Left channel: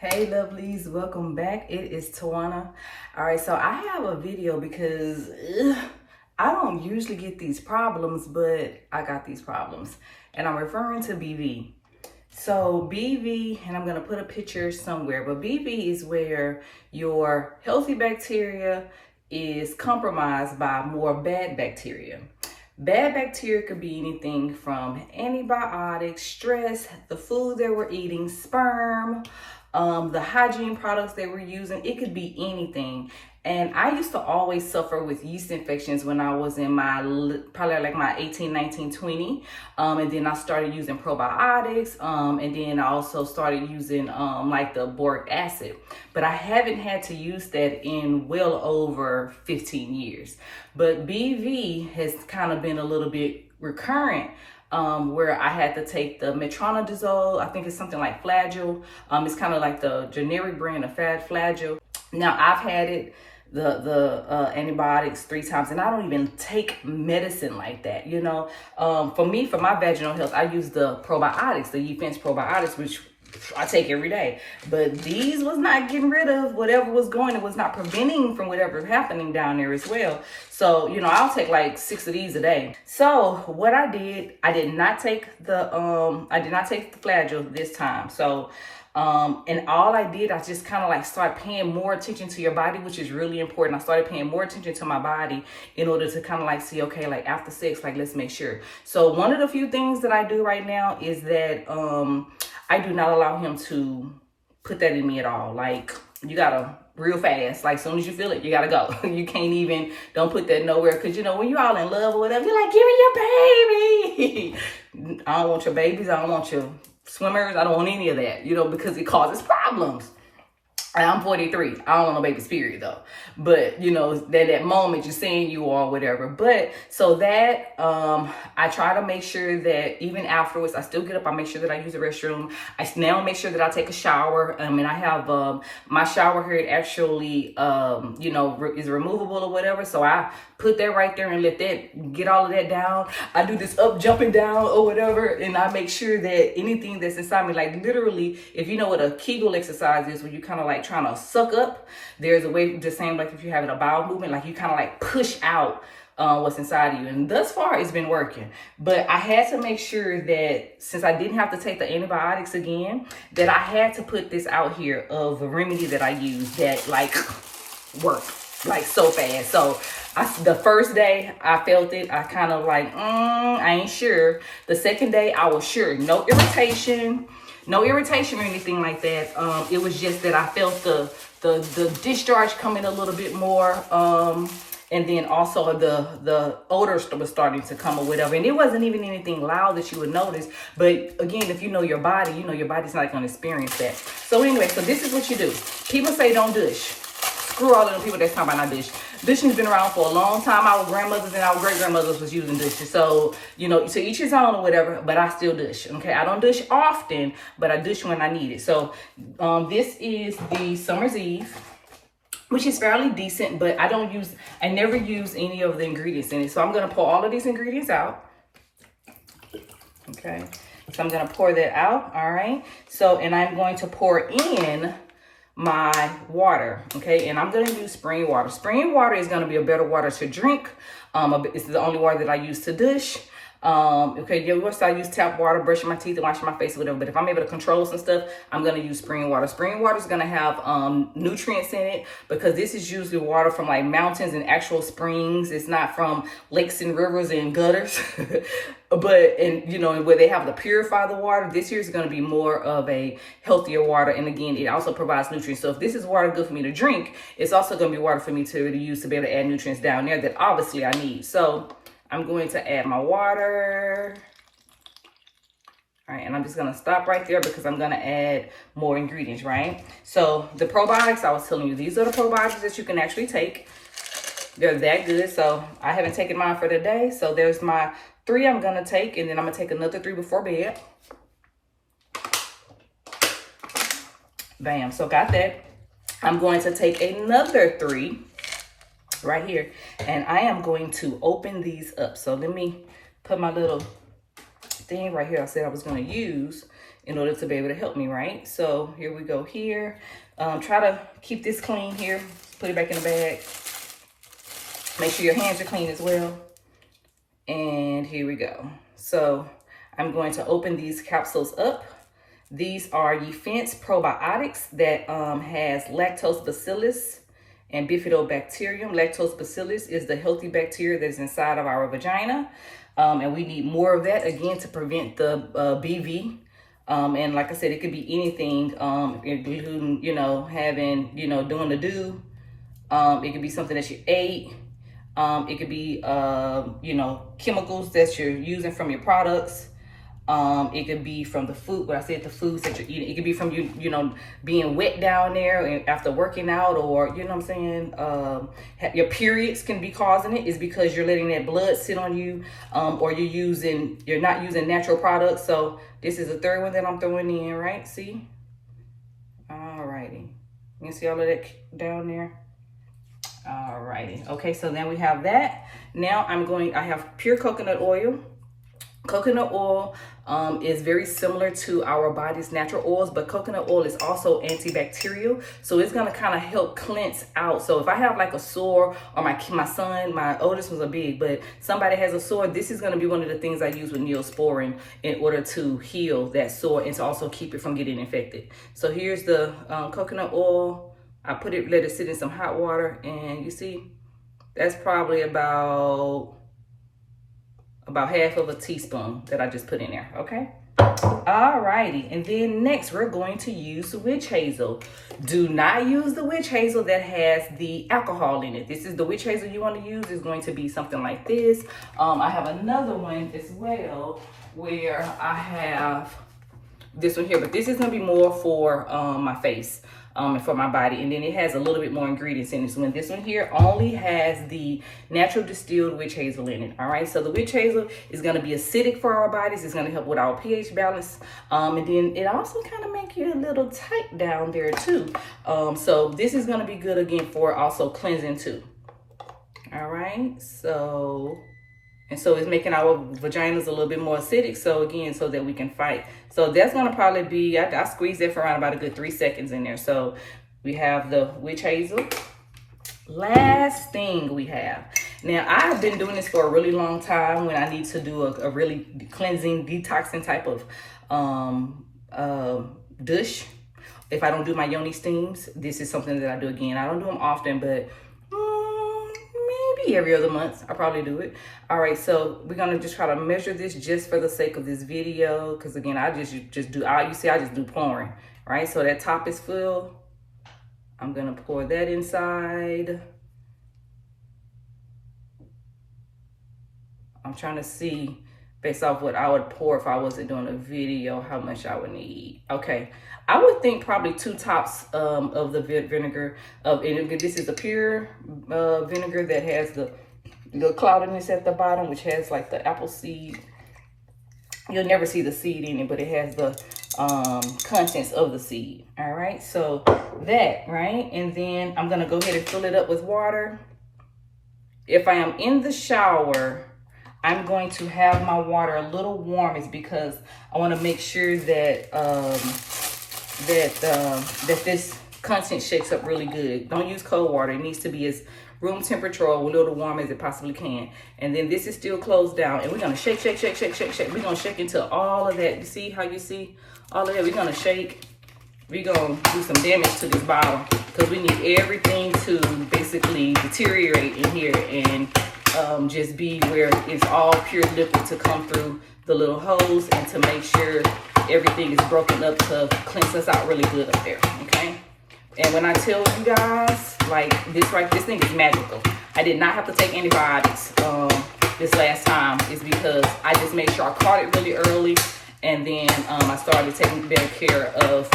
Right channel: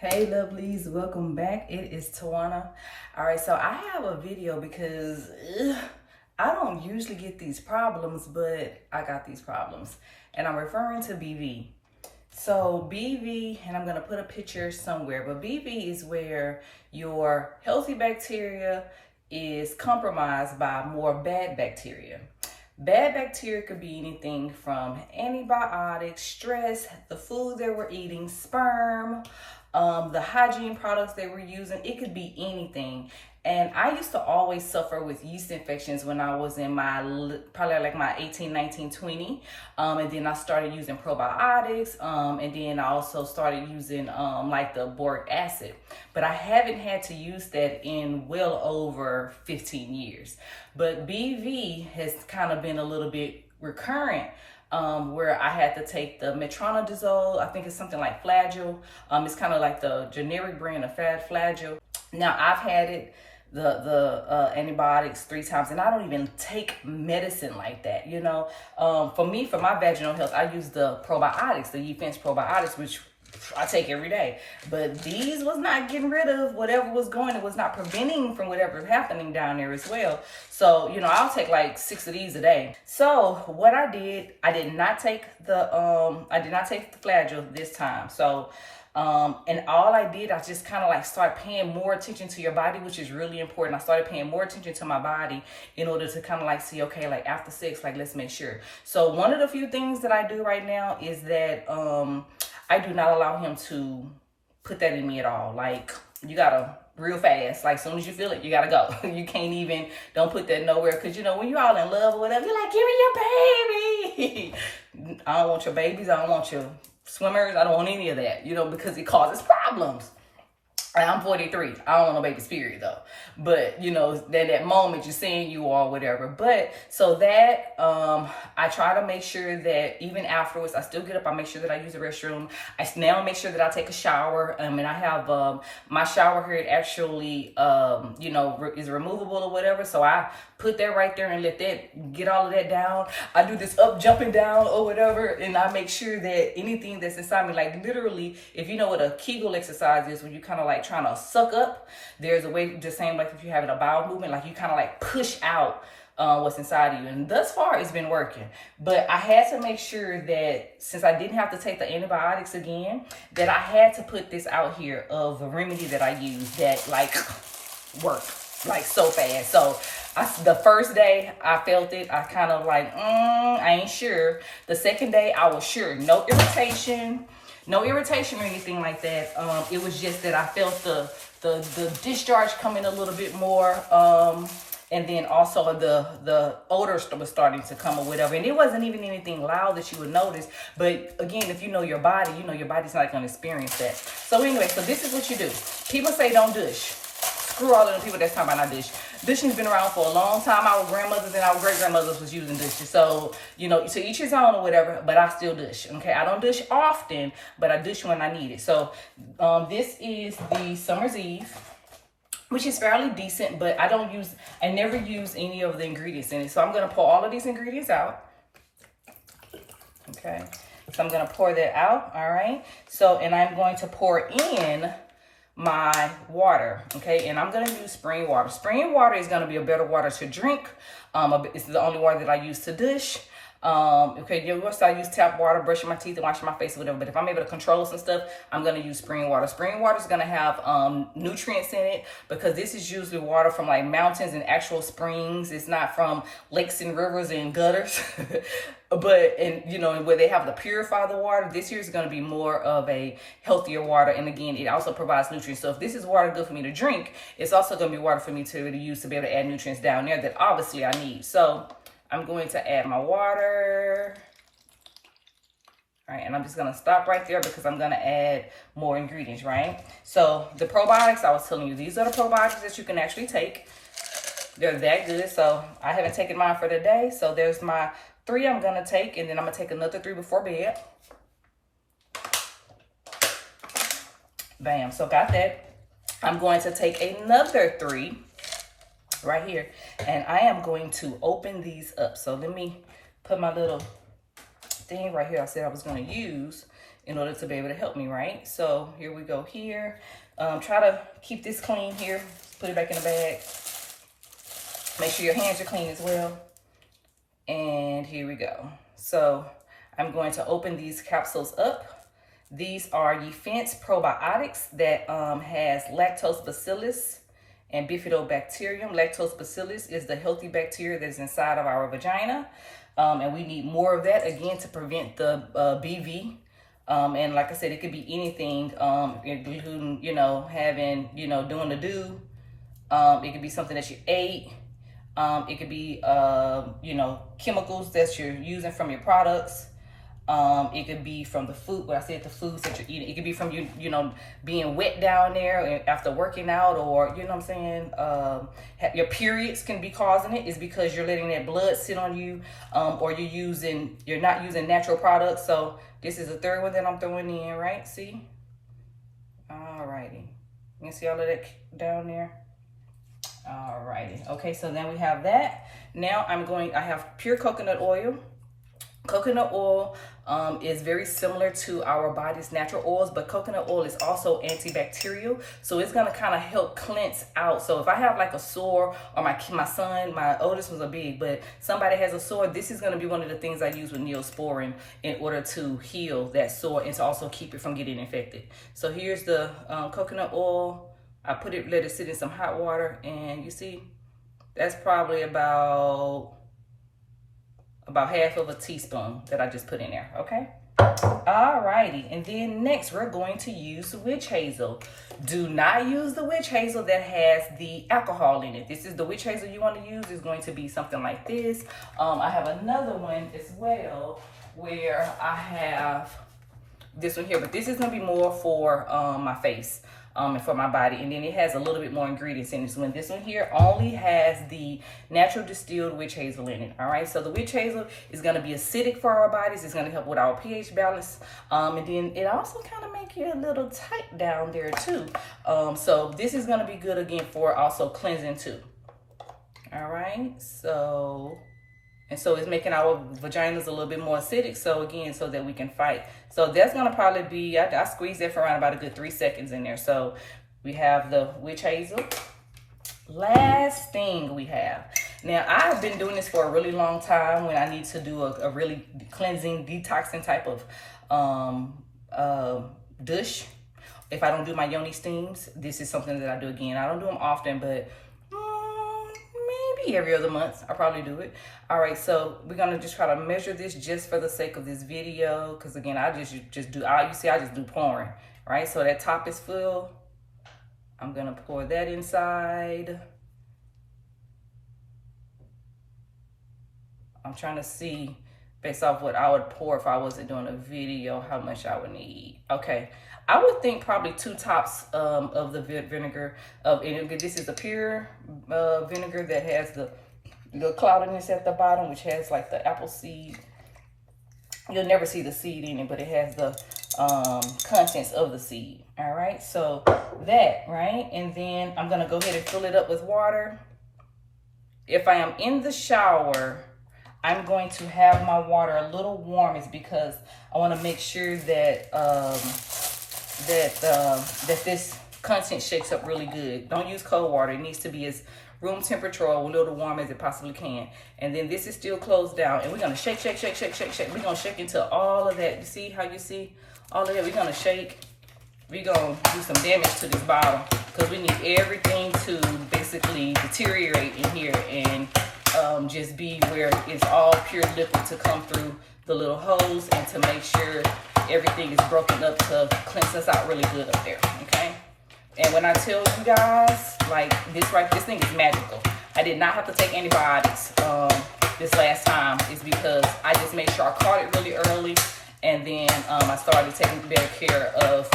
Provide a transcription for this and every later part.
Hey lovelies, welcome back. It is Tawana. All right, so I have a video because I don't usually get these problems, but I got these problems, and I'm referring to BV. So BV, and I'm gonna put a picture somewhere, but BV is where your healthy bacteria is compromised by more bad bacteria. Bad bacteria could be anything from antibiotics, stress, the food that we're eating, sperm, the hygiene products that we're using. It could be anything. And I used to always suffer with yeast infections when I was in my, probably like my 18, 19, 20. And then I started using probiotics. And then I also started using like the boric acid. But I haven't had to use that in well over 15 years. But BV has kind of been a little bit recurrent. Where I had to take the metronidazole. I think it's something like Flagyl. It's kind of like the generic brand of Flagyl. Now I've had it, the antibiotics 3 times, and I don't even take medicine like that, you know. For me, for my vaginal health, I use the probiotics, the Yefense Probiotics, which I take every day. But these was not getting rid of whatever was going. It was not preventing from whatever happening down there as well. So, you know, I'll take like 6 of these a day. So what I did not take the Flagyl this time. So and all I did, I just kind of like start paying more attention to your body, which is really important. I started paying more attention to my body in order to kind of like see, okay, like after sex, like let's make sure. So one of the few things that I do right now is that I do not allow him to put that in me at all. Like, you gotta real fast. Like, as soon as you feel it, you gotta go. You can't even, don't put that nowhere. Because, you know, when you're all in love or whatever, you're like, give me your baby. I don't want your babies. I don't want your swimmers. I don't want any of that, you know, because it causes problems. And I'm 43. I don't want no baby spirit though. But you know, that moment you're saying you are whatever. But so that I try to make sure that even afterwards, I still get up, I make sure that I use the restroom. I now make sure that I take a shower. And I have my shower head actually you know, is removable or whatever. So I put that right there and let that get all of that down. I do this up jumping down or whatever, and I make sure that anything that's inside me, like literally, if you know what a Kegel exercise is, where you kind of like trying to suck up, there's a way, the same like if you're having a bowel movement, like you kind of like push out what's inside of you. And thus far it's been working. But I had to make sure that since I didn't have to take the antibiotics again, that I had to put this out here of a remedy that I use that like worked like so fast. So the first day I felt it, I kind of like, I ain't sure. The second day I was sure. No irritation or anything like that. It was just that I felt the discharge coming a little bit more. And then also the odor was starting to come or whatever. And it wasn't even anything loud that you would notice. But again, if you know your body, you know your body's not going to experience that. So anyway, so this is what you do. People say don't douche. Screw all of them people that's talking about not douche. Douching's been around for a long time. Our grandmothers and our great-grandmothers was using douches. So, you know, to each his own or whatever, but I still douche, okay? I don't douche often, but I douche when I need it. So this is the Summer's Eve, which is fairly decent, but I never use any of the ingredients in it. So I'm gonna pour all of these ingredients out, okay? So I'm gonna pour that out, all right? So, and I'm going to pour in my water, okay? And I'm gonna use spring water. Spring water is gonna be a better water to drink. It's the only water that I use to douche. Okay, of course I use tap water, brushing my teeth and washing my face or whatever, but if I'm able to control some stuff, I'm gonna use spring water. Spring water is gonna have nutrients in it, because this is usually water from like mountains and actual springs. It's not from lakes and rivers and gutters. But, and you know, where they have to purify the water, this here is going to be more of a healthier water. And again, it also provides nutrients. So if this is water good for me to drink, it's also going to be water for me to use to be able to add nutrients down there that obviously I need. So I'm going to add my water. All right, and I'm just going to stop right there because I'm going to add more ingredients, right? So the probiotics, I was telling you, these are the probiotics that you can actually take. They're that good. So I haven't taken mine for the day. So there's my 3 I'm gonna take, and then I'm gonna take another 3 before bed. Bam, so got that. I'm going to take another 3 right here, and I am going to open these up. So let me put my little thing right here I said I was gonna use in order to be able to help me, right? So here we go here. Try to keep this clean here. Put it back in the bag. Make sure your hands are clean as well. And here we go. So I'm going to open these capsules up. These are Yefense Probiotics that has lactobacillus and bifidobacterium. Lactobacillus is the healthy bacteria that is inside of our vagina. And we need more of that, again, to prevent the BV. And like I said, it could be anything, including, having, doing the do. It could be something that you ate. It could be, chemicals that you're using from your products. It could be from the food, what I said, the foods that you're eating. It could be from you, being wet down there after working out, or, you know what I'm saying? Your periods can be causing it. It's because you're letting that blood sit on you, or you're not using natural products. So this is the third one that I'm throwing in, right? See? Alrighty. You can see all of that down there? Alrighty. Okay, so then we have that. Now I have pure coconut oil. Coconut oil is very similar to our body's natural oils, but coconut oil is also antibacterial. So it's gonna kind of help cleanse out. So if I have like a sore, or my son, my oldest was a big, but somebody has a sore, this is gonna be one of the things I use with Neosporin in order to heal that sore and to also keep it from getting infected. So here's the coconut oil. I let it sit in some hot water, and you see, that's probably about half of a teaspoon that I just put in there, okay? Alrighty, and then next we're going to use witch hazel. Do not use the witch hazel that has the alcohol in it. This is the witch hazel you want to use. Is going to be something like this. I have another one as well where I have this one here, but this is going to be more for my face. And for my body, and then it has a little bit more ingredients in this one. This one here only has the natural distilled witch hazel in it. All right, so the witch hazel is going to be acidic for our bodies. It's going to help with our pH balance, and then it also kind of make you a little tight down there too. So this is going to be good again for also cleansing too. All right, so it's making our vaginas a little bit more acidic. So again, so that we can fight. So that's gonna probably be, I squeeze that for around about a good 3 seconds in there. So we have the witch hazel. Last thing we have. Now I've been doing this for a really long time when I need to do a really cleansing, detoxing type of douche. If I don't do my yoni steams, this is something that I do again. I don't do them often, but maybe every other month I probably do it. All right, so we're gonna just try to measure this just for the sake of this video, because again, I just do, you see I just do pouring, right? So that top is full. I'm gonna pour that inside. I'm trying to see, based off what I would pour if I wasn't doing a video, how much I would need. Okay, I would think probably 2 tops of the vinegar. This is a pure vinegar that has the cloudiness at the bottom, which has like the apple seed. You'll never see the seed in it, but it has the contents of the seed. All right, so that, right? And then I'm gonna go ahead and fill it up with water. If I am in the shower, I'm going to have my water a little warm. It's because I want to make sure that that this content shakes up really good. Don't use cold water. It needs to be as room temperature or a little warm as it possibly can. And then this is still closed down, and we're gonna shake. We're gonna shake until all of that. You see how you see all of that? We're gonna shake. We're gonna do some damage to this bottle because we need everything to basically deteriorate in here and just be where it's all pure liquid to come through the little holes, and to make sure everything is broken up to cleanse us out really good up there, okay? And when I tell you guys, like this thing is magical. I did not have to take antibiotics this last time. Is because I just made sure I caught it really early, and then I started taking better care of,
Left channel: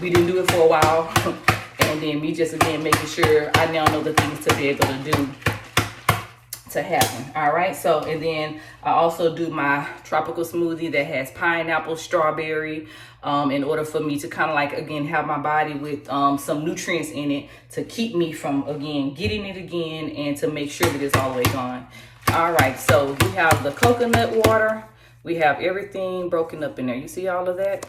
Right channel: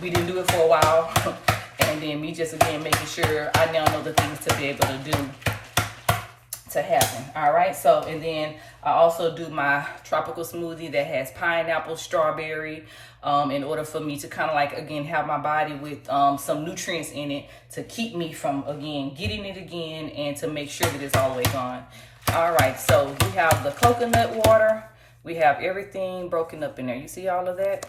we didn't do it for a while, and then me just again making sure I now know the things to be able to do to happen. All right, so and then I also do my tropical smoothie that has pineapple, strawberry, in order for me to kind of like again have my body with some nutrients in it to keep me from again getting it again, and to make sure that it's all the way gone. All right, so we have the coconut water, We have everything broken up in there. You see all of that?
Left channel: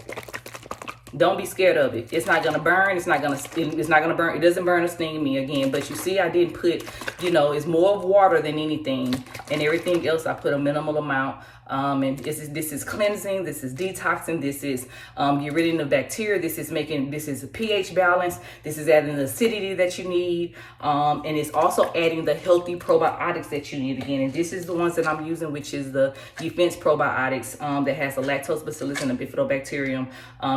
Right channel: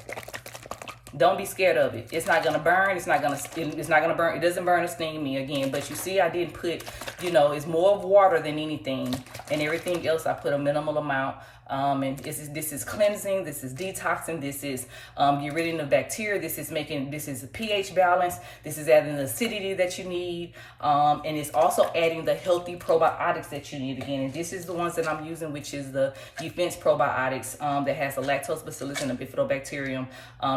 Don't be scared of it. It's not gonna burn. It's not gonna burn. It doesn't burn or sting me again. But you see, I didn't put, you know, it's more of water than anything, and everything else I put a minimal amount. And this is cleansing. This is detoxing. This is get rid of the bacteria. This is a pH balance. This is adding the acidity that you need, and it's also adding the healthy probiotics that you need again. And this is the ones that I'm using, which is the Yefense Probiotics that has the lactobacillus and the bifidobacterium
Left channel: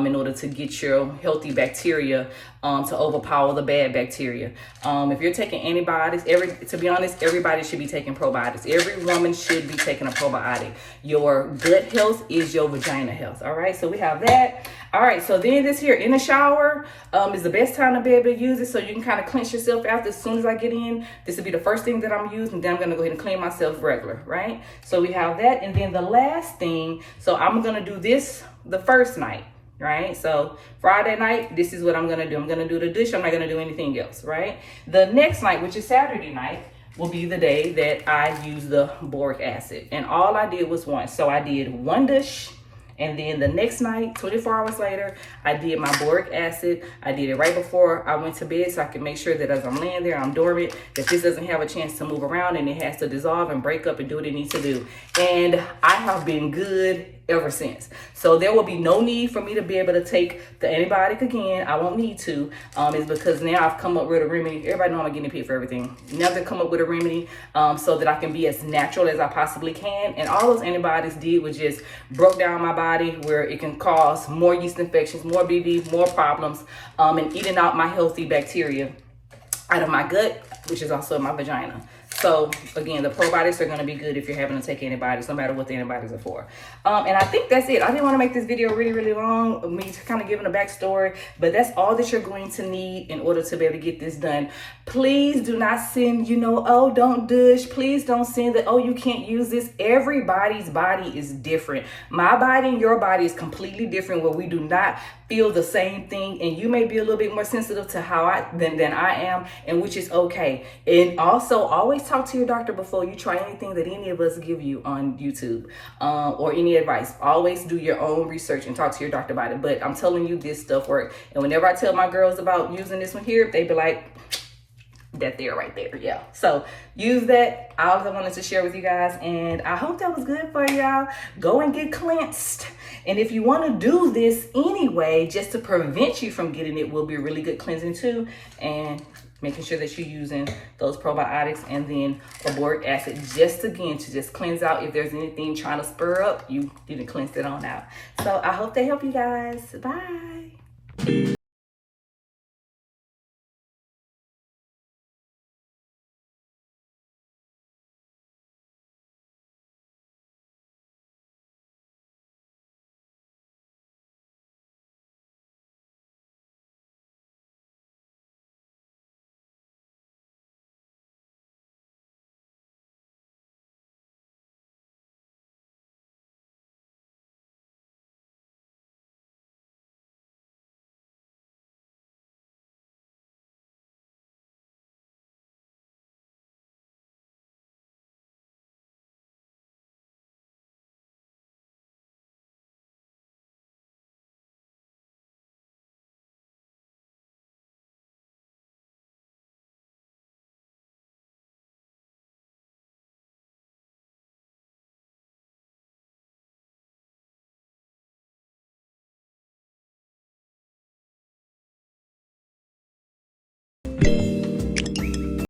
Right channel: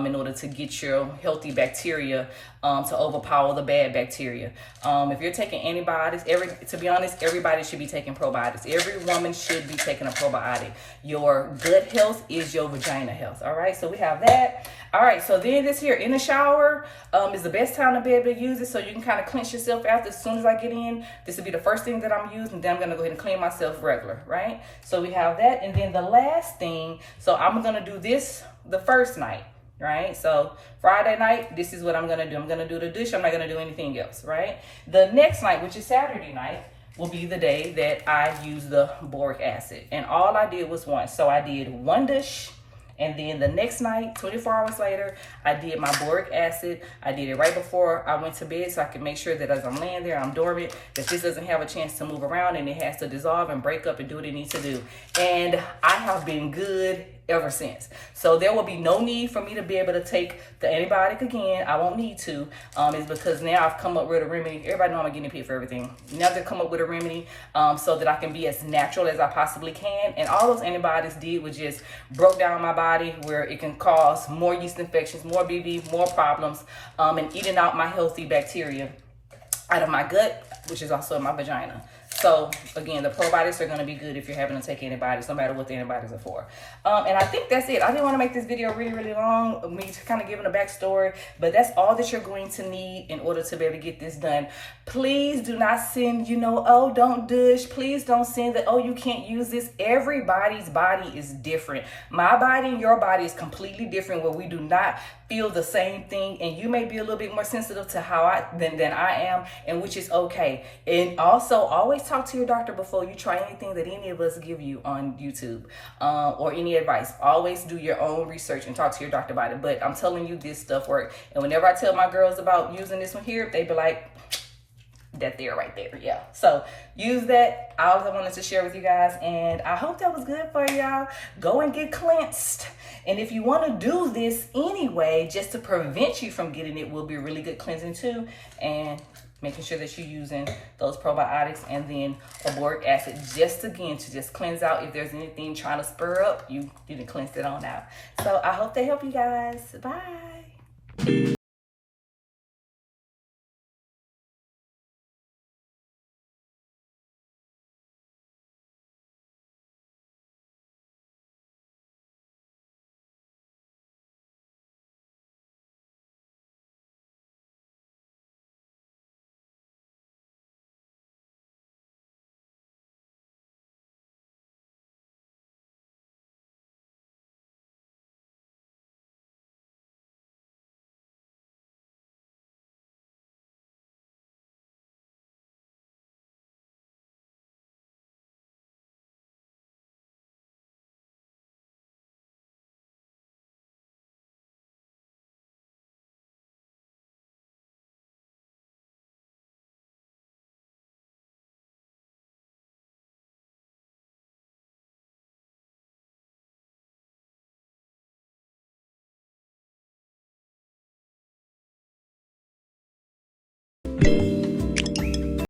in order to get your healthy bacteria to overpower the bad bacteria. If you're taking antibiotics, to be honest, everybody should be taking probiotics. Every woman should be taking a probiotic. Your gut health is your vagina health. All right, so we have that. All right, so then this here in the shower is the best time to be able to use it, so you can kind of cleanse yourself after. As soon as I get in, this will be the first thing that I'm using. Then I'm gonna go ahead and clean myself regular, right? So we have that, and then the last thing. So I'm gonna do this the first night, right? So Friday night, this is what I'm gonna do. I'm gonna do the douche. I'm not gonna do anything else, right? The next night, which is Saturday night, will be the day that I use the boric acid. And all I did was one. So I did one douche, and then the next night, 24 hours later, I did my boric acid. I did it right before I went to bed so I can make sure that as I'm laying there, I'm dormant, that this doesn't have a chance to move around and it has to dissolve and break up and do what it needs to do. And I have been good ever since. So there will be no need for me to be able to take the antibiotic again. I won't need to. It's because now I've come up with a remedy. Everybody know I'm getting paid for everything. Now to come up with a remedy so that I can be as natural as I possibly can. And all those antibiotics did was just broke down my body where it can cause more yeast infections, more BV, more problems, and eating out my healthy bacteria out of my gut, which is also my vagina. So again, the probiotics are going to be good if you're having to take antibiotics, no matter what the antibiotics are for. And I think that's it. I didn't want to make this video really, really long, me kind of giving a backstory, but that's all that you're going to need in order to be able to get this done. Please do not send, oh, don't douche. Please don't send that, oh, you can't use this. Everybody's body is different. My body and your body is completely different, where we do not feel the same thing, and you may be a little bit more sensitive to than I am, and which is okay. And also always talk to your doctor before you try anything that any of us give you on YouTube or any advice. Always do your own research and talk to your doctor about it. But I'm telling you, this stuff works. And whenever I tell my girls about using this one here, they be like, that there right there. Yeah, so use that. All I wanted to share with you guys, and I hope that was good for y'all. Go and get cleansed, and if you want to do this anyway, just to prevent you from getting it, will be a really good cleansing too. And making sure that you're using those probiotics and then a boric acid, just again to just cleanse out if there's anything trying to spur up, you didn't cleanse it on out. So I hope they help you guys. Bye.